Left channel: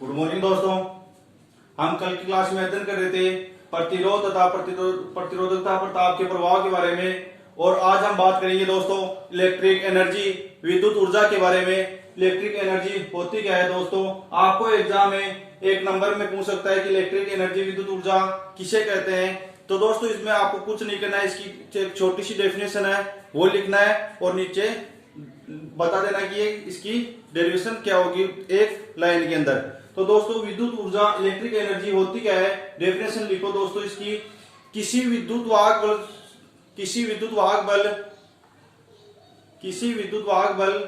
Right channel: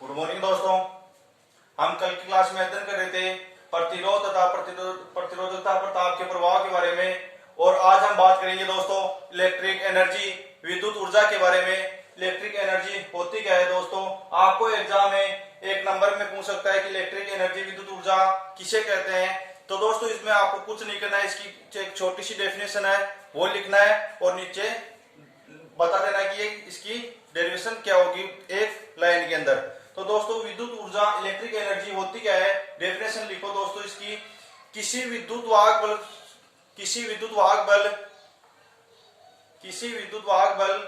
Good morning दोस्तों। हम कल की क्लास में अध्ययन कर रहे थे प्रतिरोध तथा प्रतिरोधकता पर ताप के प्रभाव के बारे में, और आज हम बात करेंगे दोस्तों इलेक्ट्रिक एनर्जी, विद्युत ऊर्जा के बारे में। इलेक्ट्रिक एनर्जी होती क्या है दोस्तों? आपको एग्जाम में एक नंबर में पूछ सकता है कि इलेक्ट्रिक एनर्जी, विद्युत ऊर्जा किसे कहते हैं। तो दोस्तों इसमें आपको कुछ नहीं करना है, इसकी एक छोटी सी डेफिनेशन है वो लिखना है और नीचे बता देना कि ये इसकी डेरिवेशन क्या होगी एक लाइन के अंदर। तो दोस्तों विद्युत ऊर्जा, इलेक्ट्रिक एनर्जी होती क्या है, डेफिनेशन लिखो दोस्तों इसकी। किसी विद्युत वाहक बल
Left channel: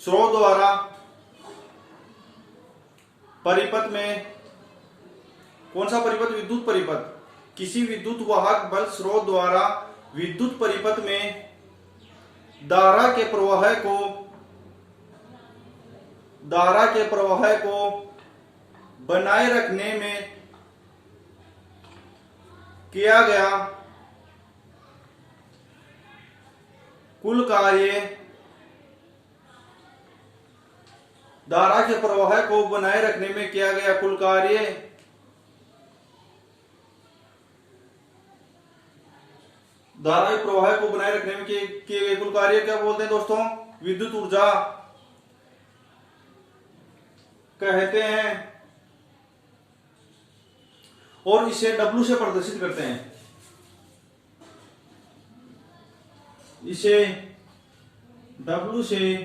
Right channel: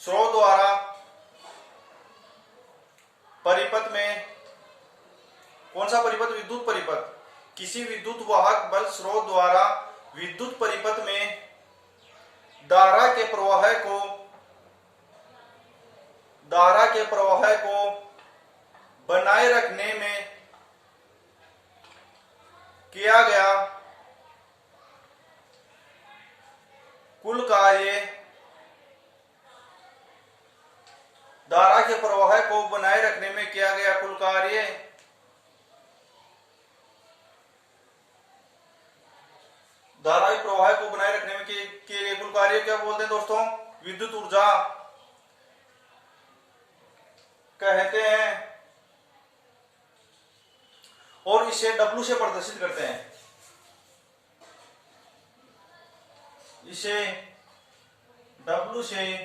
स्रोत द्वारा परिपथ में, कौन सा परिपथ? विद्युत परिपथ। किसी विद्युत वाहक बल स्रोत द्वारा विद्युत परिपथ में धारा के प्रवाह को बनाए रखने में किया गया कुल कार्य, धारा के प्रवाह को बनाए रखने में किया गया कुल कार्य धारा के प्रवाह को बनाए रखने में किए गए कुल कार्य क्या बोलते हैं दोस्तों? विद्युत ऊर्जा कहते हैं, और इसे W से प्रदर्शित करते हैं। इसे W से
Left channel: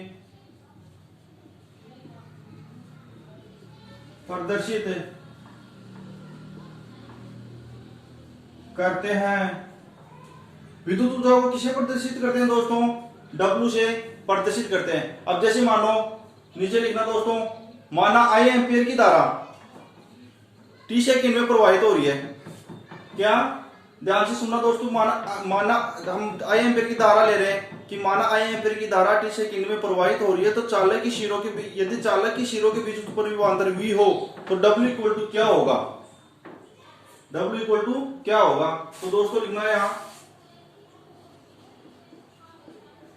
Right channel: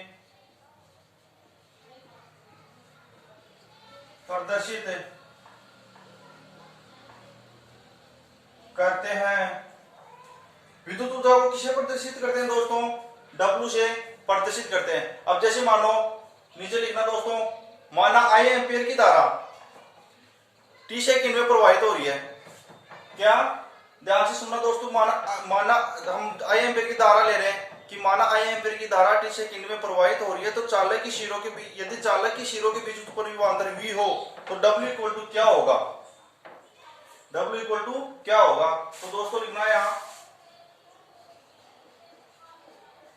प्रदर्शित करते हैं। विद्युत ऊर्जा को किसे प्रदर्शित करते हैं दोस्तों? W से प्रदर्शित करते हैं। अब जैसे मानो, नीचे लिखना दोस्तों, माना I एम्पियर की धारा T सेकंड में प्रवाहित हो रही है। क्या? ध्यान से सुनना दोस्तों। माना हम I एम्पियर की धारा ले रहे हैं कि माना I एम्पियर की धारा T सेकंड में प्रवाहित हो रही है, तो चालक की शिरों के बीच, यदि चालक की शिरों के बीच उत्पन्न विभवांतर V हो तो W इक्वल टू क्या होगा? W इक्वल टू क्या होगा? तो दोस्तों लिखना है यहां,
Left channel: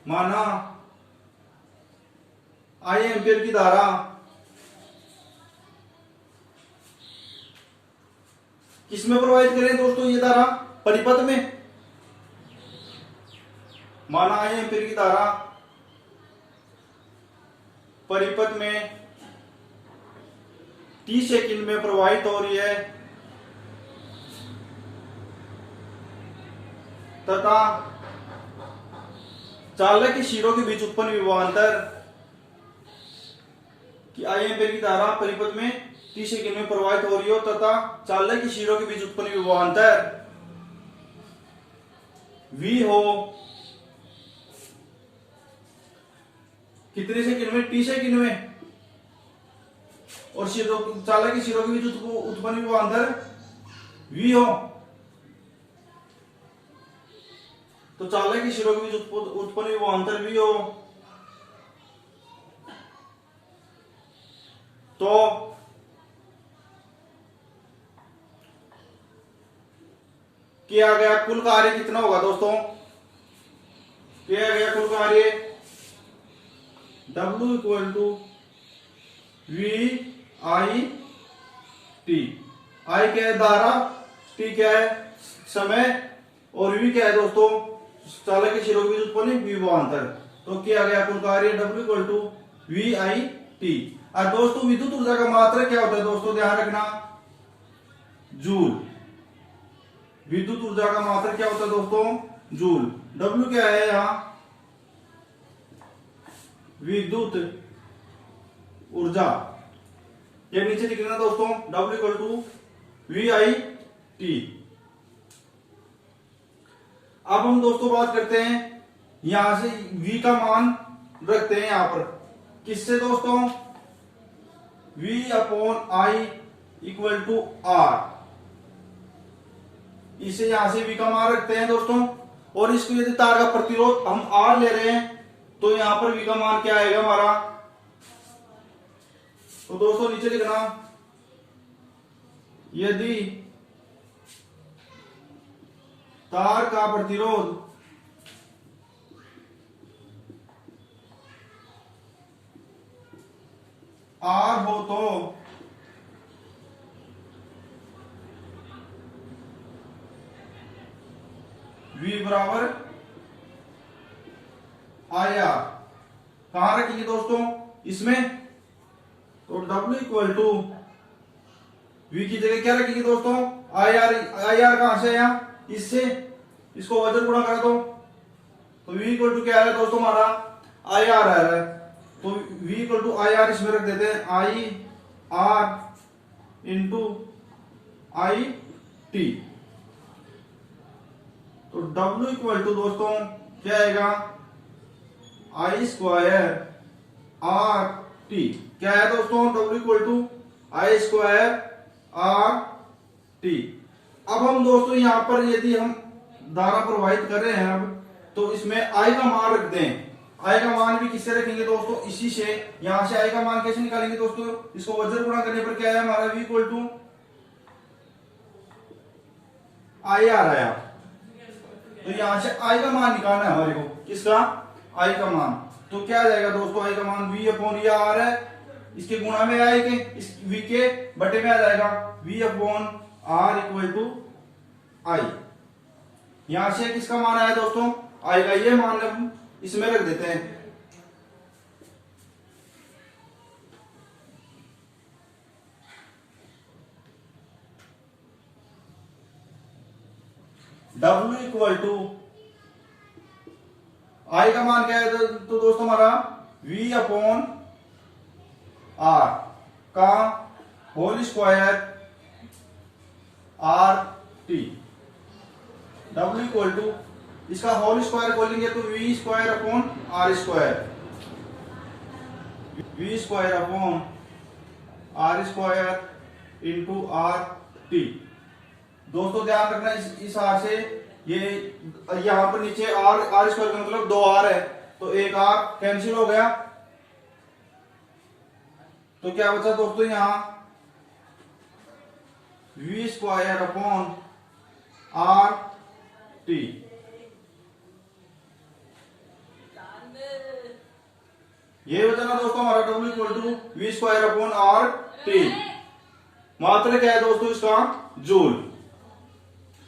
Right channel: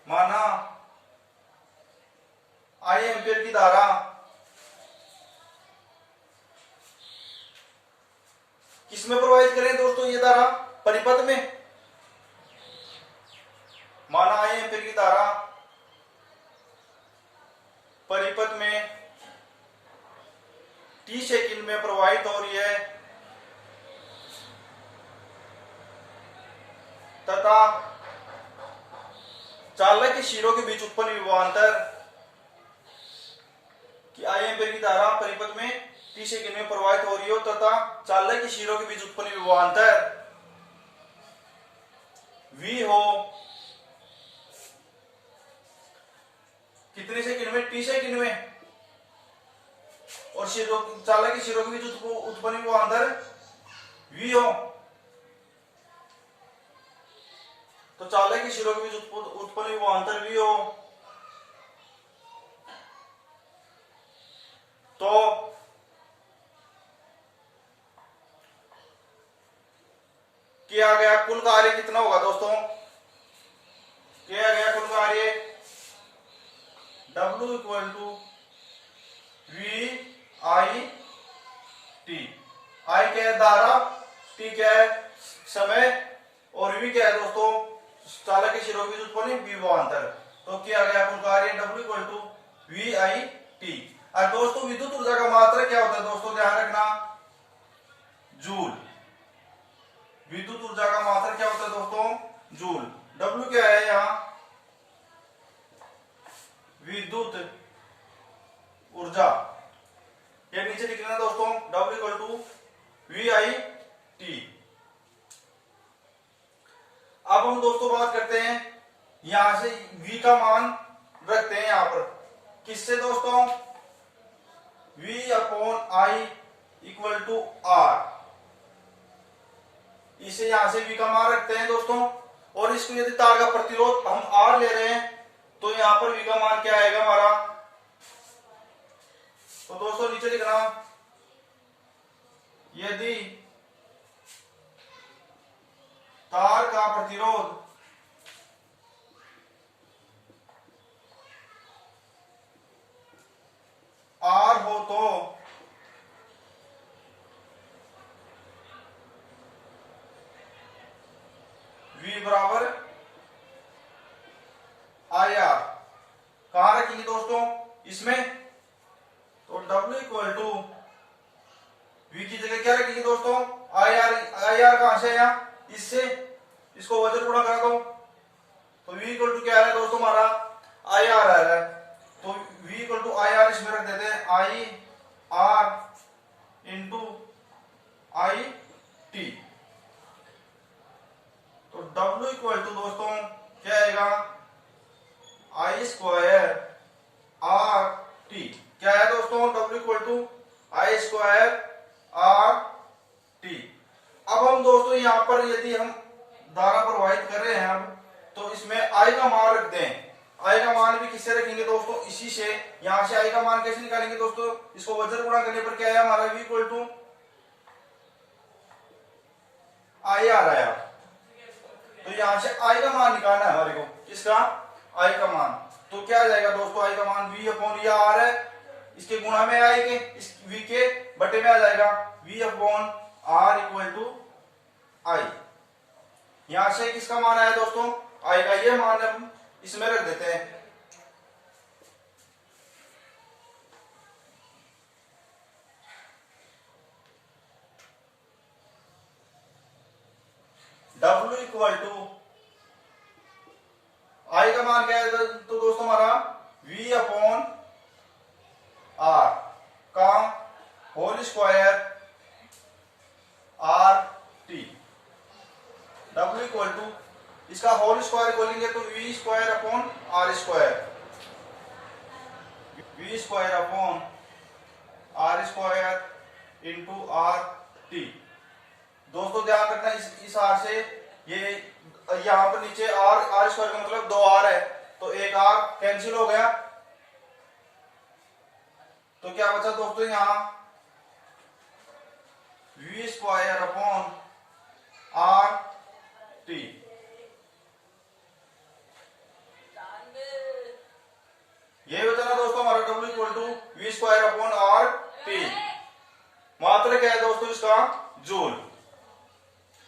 माना I एम्पियर की धारा किसमें प्रवाहित करें दोस्तों? ये धारा परिपथ में। माना I एम्पियर की धारा परिपथ में T सेकंड में प्रवाहित हो रही है तथा चालक के शिरों के बीच उत्पन्न विभवांतर कि I एम्पियर की धारा परिपथ में T सेकंड में प्रवाहित हो रही हो तथा चालक के शिरों के बीच उत्पन्न विभवांतर V हो कितने सेकंड में? T सेकंड में। और चालक के शिरों के बीच उत्पन्न विभवांतर V हो, तो चालक के शिरों के बीच उत्पन्न विभवांतर V हो, तो किया गया कुल कार्य कितना होगा दोस्तों? किया गया कुल कार्य W equal to VI T। I क्या है? धारा, T क्या है? समय, और V क्या है दोस्तों? चालक के शिरों के बीच उत्पन्न विभवांतर। तो किया गया कुल कार्य W equal to VI T। और दोस्तों विद्युत ऊर्जा का मात्रक क्या होता है दोस्तों? ध्यान रखना, जूल। विद्युत ऊर्जा का मात्रक क्या होता है दोस्तों? जूल। W क्या है यहां? विद्युत ऊर्जा। ये नीचे लिख लेना दोस्तों, W equal to VI T। अब हम दोस्तों बात करते हैं, यहां से V का मान रखते हैं यहां पर किससे दोस्तों? V upon I equal to R। इसे यहां से V का मान रखते हैं दोस्तों, और इसको यदि तार का प्रतिरोध हम R ले रहे हैं तो यहां पर V का मान क्या आएगा हमारा? तो दोस्तों नीचे लिखना, यदि तार का प्रतिरोध आर हो तो V बराबर आई आर। कहां रखेंगे दोस्तों इसमें? तो W इक्वल टू V की जगह क्या रखेंगे दोस्तों? I R. आई आर कहां से आया? इससे। इसको वजन गुणा कर दो तो V इक्वल टू क्या आ रहा है दोस्तों हमारा? आई आर आ रहा है। तो V equal to I R इसमें रख देते हैं, I R into I T. तो W इक्वल टू दोस्तों क्या आएगा? I square R T. क्या है दोस्तों? W equal to I square R T. अब हम दोस्तों यहां पर यदि हम धारा प्रवाहित कर रहे हैं अब, तो इसमें आई का मान रख दें। आई का मान भी किससे रखेंगे दोस्तों? इसी से। यहां से आई का मान कैसे निकालेंगे दोस्तों? इसको वज्र गुणा करने पर क्या आया हमारा? V equal to I R आया। तो यहां से आई का मान निकालना है हमारे को। किसका? आई का मान। तो क्या आ जाएगा दोस्तों? आई का मान V अपॉन ये आर है, इसके गुणा में आएंगे, इस V के बटे में आ जाएगा V upon R equal to I. यहां से किसका मान आया दोस्तों? आई का। ये मान हम इसमें रख देते हैं। W इक्वल टू आई का मान क्या है तो दोस्तों हमारा V अपॉन आर का whole square R T. W equal to इसका होल स्क्वायर खोलेंगे तो V square upon R square, V square upon R square into R T. दोस्तों ध्यान रखना इस आर से ये यहां पर नीचे आर स्क्वायर का मतलब 2r है, तो एक r कैंसिल हो गया। तो क्या बचा दोस्तों? यहां V square upon R T. ये बचा ना दोस्तों हमारा W equal to V square upon R T. मात्रा क्या है दोस्तों इसका? जूल।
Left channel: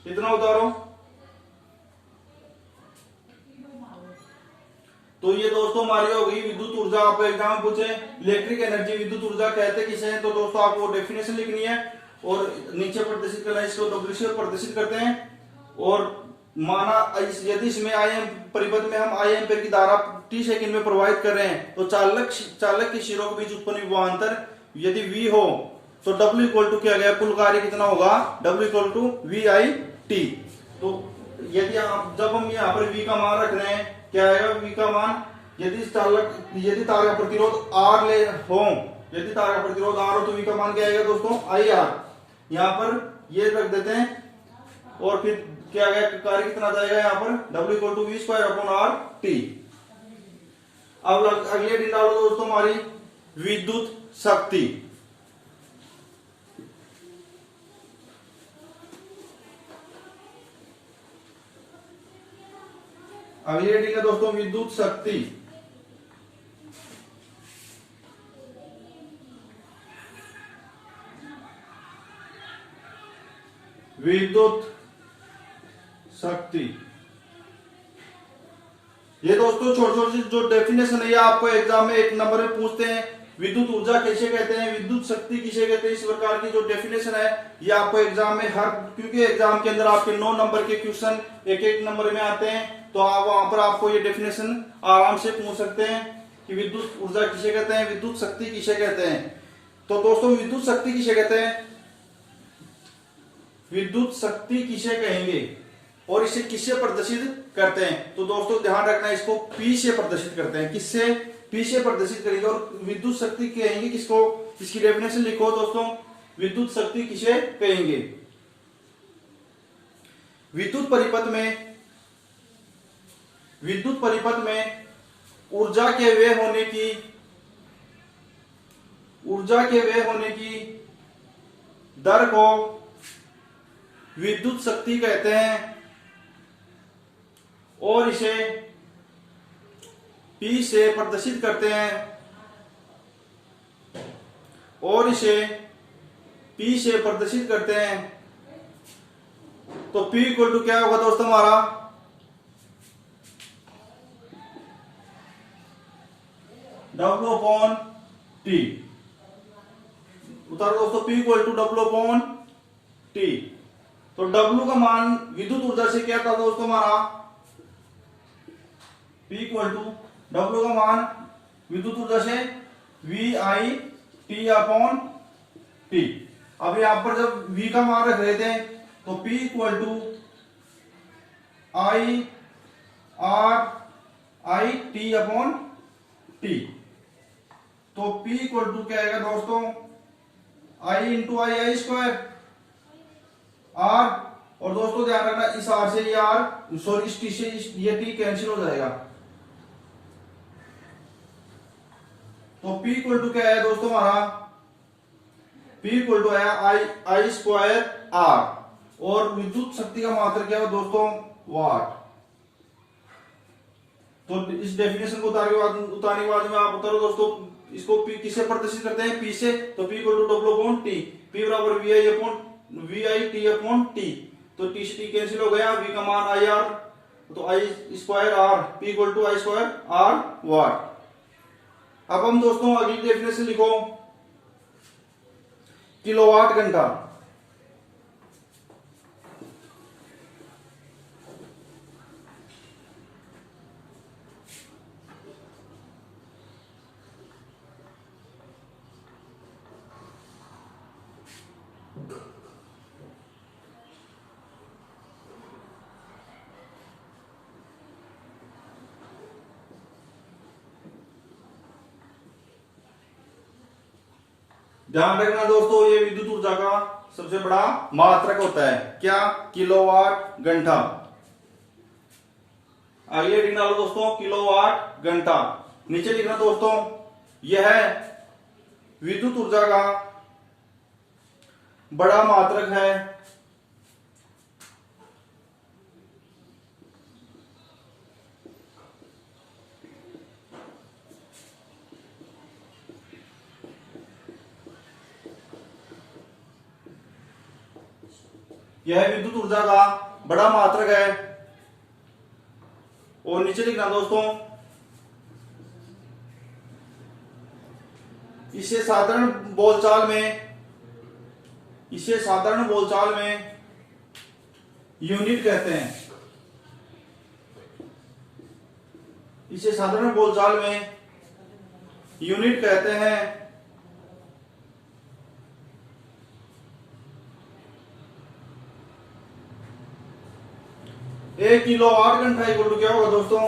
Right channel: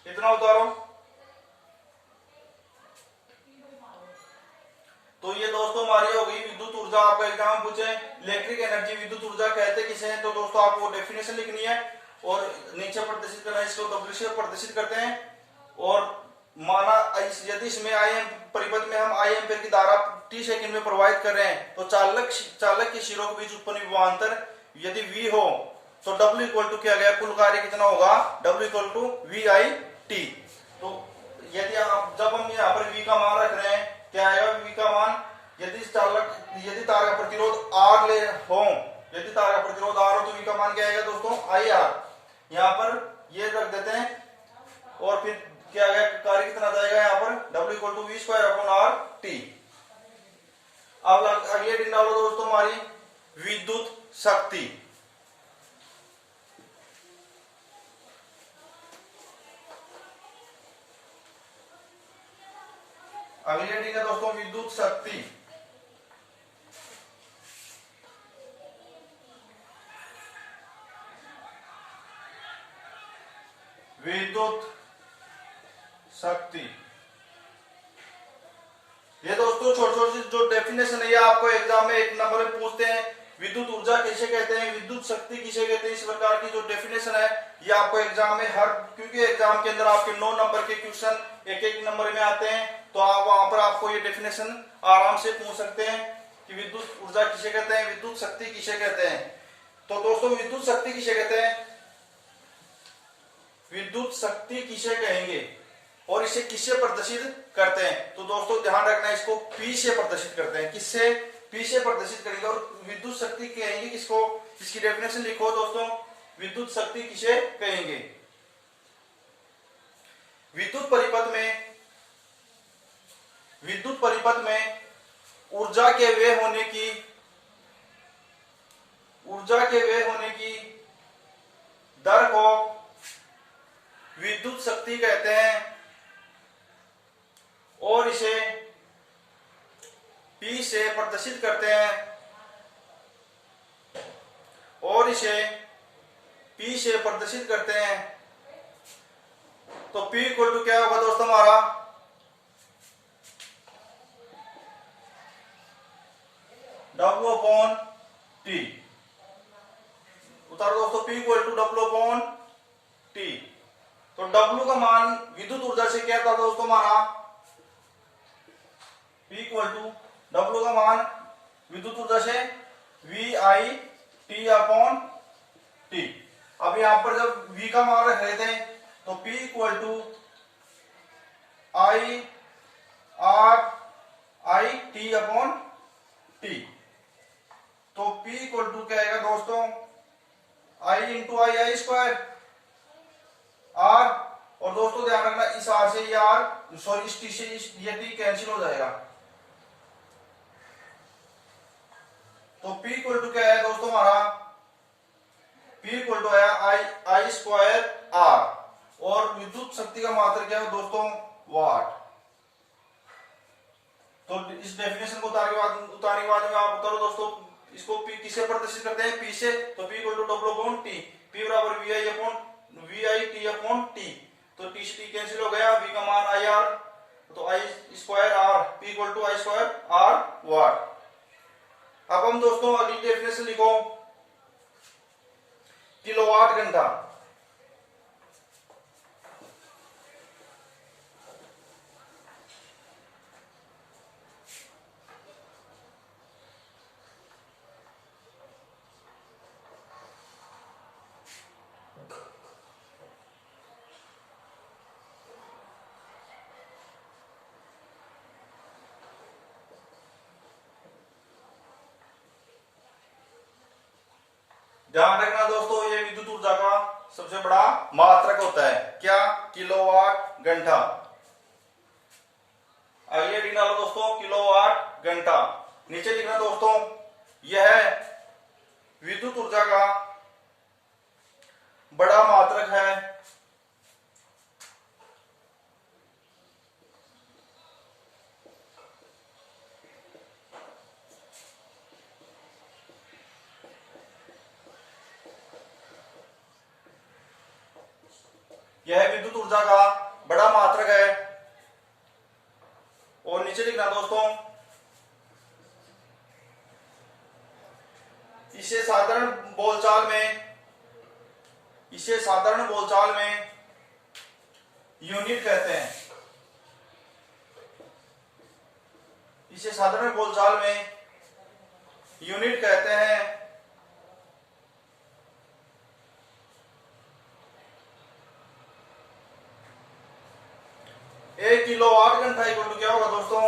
कितना उतारो? तो ये दोस्तों हमारी हो गई विद्युत ऊर्जा। आपको एग्जाम में पूछे इलेक्ट्रिक एनर्जी विद्युत ऊर्जा कहते किसे हैं, तो दोस्तों आपको डेफिनेशन लिखनी है और नीचे प्रदर्शित करना है। इसको W से प्रदर्शित करते हैं। और माना यदि इसमें आई एम परिपथ में हम आई एम्पीयर की धारा t सेकंड में प्रवाहित कर रहे हैं, तो चालक के सिरों के बीच उत्पन्न विभवांतर यदि V हो तो W इक्वल टू क्या गया? कुल कार्य कितना होगा? W equal to V I T. तो यदि आप जब हम यहाँ पर V का मान रख रहे हैं, क्या आएगा V का मान? यदि तार का प्रतिरोध R ले हो, यदि तार का प्रतिरोध R हो तो V का मान क्या आएगा दोस्तों? I R. यहाँ पर ये रख देते हैं और फिर क्या आएगा? कार्य कितना जाएगा यहाँ पर? W equal to V square upon R T. अब अगले दिन डालो दोस्तों हमारी विद्युत शक्ति। अगली हेडिंग है दोस्तों विद्युत शक्ति। विद्युत शक्ति ये दोस्तों छोटे छोटे जो डेफिनेशन है ये आपको एग्जाम में एक नंबर में पूछते हैं। विद्युत ऊर्जा किसे कहते हैं, विद्युत शक्ति किसे कहते हैं, इस प्रकार की जो डेफिनेशन है ये आपको एग्जाम में क्योंकि एग्जाम के अंदर आपके 9 नंबर के क्वेश्चन एक एक नंबर में आते हैं, तो आप वहां पर आपको ये डेफिनेशन आराम से पूछ सकते हैं कि विद्युत ऊर्जा किसे कहते हैं, विद्युत शक्ति किसे कहते हैं। तो दोस्तों विद्युत शक्ति किसे कहते हैं, विद्युत शक्ति किसे कहेंगे और इसे किससे प्रदर्शित करते हैं? तो दोस्तों ध्यान रखना इसको P से प्रदर्शित करते हैं। किससे? P से प्रदर्शित करेंगे। और विद्युत शक्ति कहेंगे किसको? इसकी डेफिनेशन लिखो दोस्तों, विद्युत शक्ति किसे कहेंगे? विद्युत परिपथ में ऊर्जा के व्यय होने की दर को विद्युत शक्ति कहते हैं और इसे P से प्रदर्शित करते हैं। और इसे P से प्रदर्शित करते हैं तो P इक्वल टू क्या होगा दोस्तों हमारा W अपॉन T। उतारो दोस्तों P equal to W upon T। तो W का मान विद्युत ऊर्जा से क्या था दोस्तों हमारा P इक्वल टू W का मान विद्युत ऊर्जा से VI अपॉन T। अब यहां पर जब V का मान रख रहे थे तो P equal to I upon T। तो P इक्वल टू क्या आएगा दोस्तों I into I square R। और दोस्तों ध्यान रखना इस R से ये R सॉरी इस T से ये T कैंसिल हो जाएगा। तो P इक्वल टू क्या है दोस्तों हमारा P इक्वल टू आया आई स्क्वायर R और विद्युत शक्ति का मात्रा क्या है दोस्तों वाट। तो इस डेफिनेशन को उतारने के बाद में आप उतारो दोस्तों इसको P किसे प्रदर्शित करते हैं P से तो P equal to W upon T। P बराबर VI अपॉन T। तो T से T कैंसिल हो गया V का मान IR तो I square R P equal to I square R watt. अब हम दोस्तों अगली डेफिनेशन लिखो किलोवाट घंटा। ध्यान रखना दोस्तों ये विद्युत ऊर्जा का सबसे बड़ा मात्रक होता है क्या किलोवाट घंटा। आइए लिखना लो दोस्तों किलोवाट घंटा। नीचे लिखना दोस्तों यह विद्युत ऊर्जा का बड़ा मात्रक है यह विद्युत ऊर्जा का बड़ा मात्रक है। और नीचे लिखना दोस्तों इसे साधारण बोलचाल में यूनिट कहते हैं। इसे साधारण बोलचाल में यूनिट कहते हैं। 1 किलोवाट घंटा इक्वल टू क्या होगा दोस्तों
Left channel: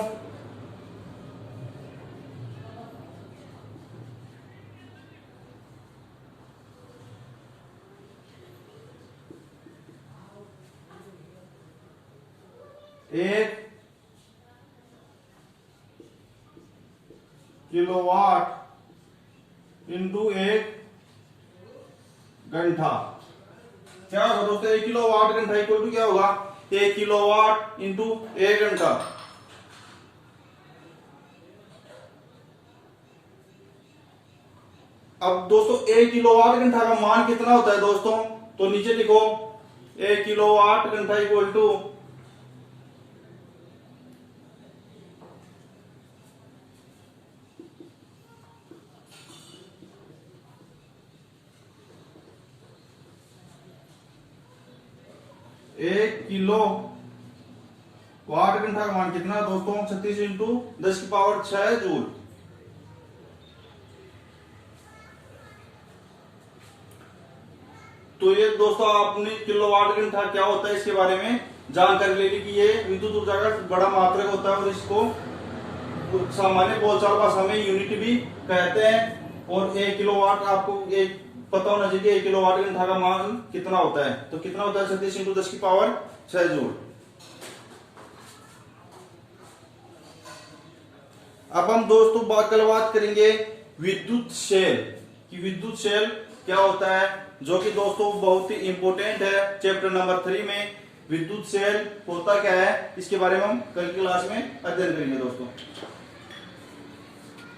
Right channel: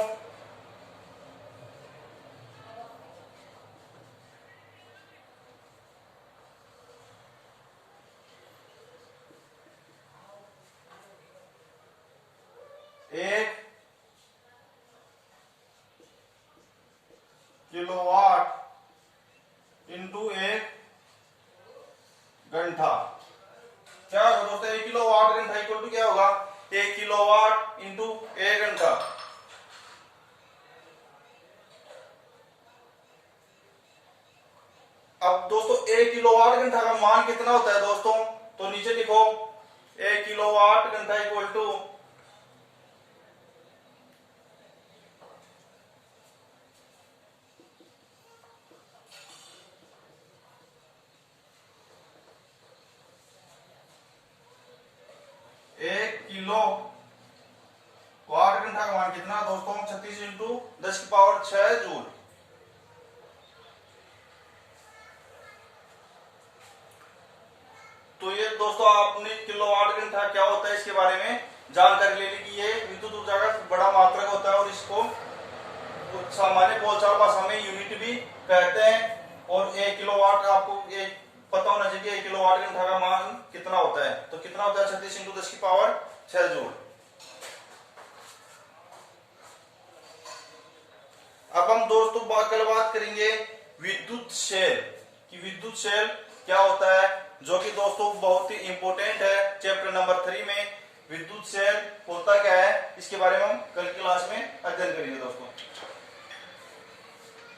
1 किलोवाट इंटू 1 घंटा। क्या होगा दोस्तों 1 किलोवाट घंटा इक्वल टू क्या होगा 1 किलोवाट इंटू 1 घंटा। अब दोस्तों 1 किलोवाट घंटा का मान कितना होता है दोस्तों तो नीचे लिखो 1 किलोवाट घंटा इक्वल टू 1 किलो वाट घंटा का मान कितना दोस्तों 36 इंटू 10 की पावर 6 जूल। तो ये दोस्तों आपने किलोवाट घंटा क्या होता है इसके बारे में जानकारी ले ली कि ये विद्युत ऊर्जा का बड़ा मात्रक होता है और इसको सामान्य बोलचाल भाषा में यूनिट भी कहते हैं। और 1 किलोवाट आपको एक पता होना चाहिए 1 किलोवाट घंटा का मान कितना होता है तो कितना होता है 36 इंटू 10 की पावर 6 जूल। अब हम दोस्तों कल बात करेंगे विद्युत सेल कि विद्युत सेल क्या होता है जो कि दोस्तों बहुत ही इंपॉर्टेंट है चैप्टर नंबर 3 में। विद्युत सेल होता क्या है इसके बारे में हम कल की क्लास में अध्ययन करेंगे दोस्तों।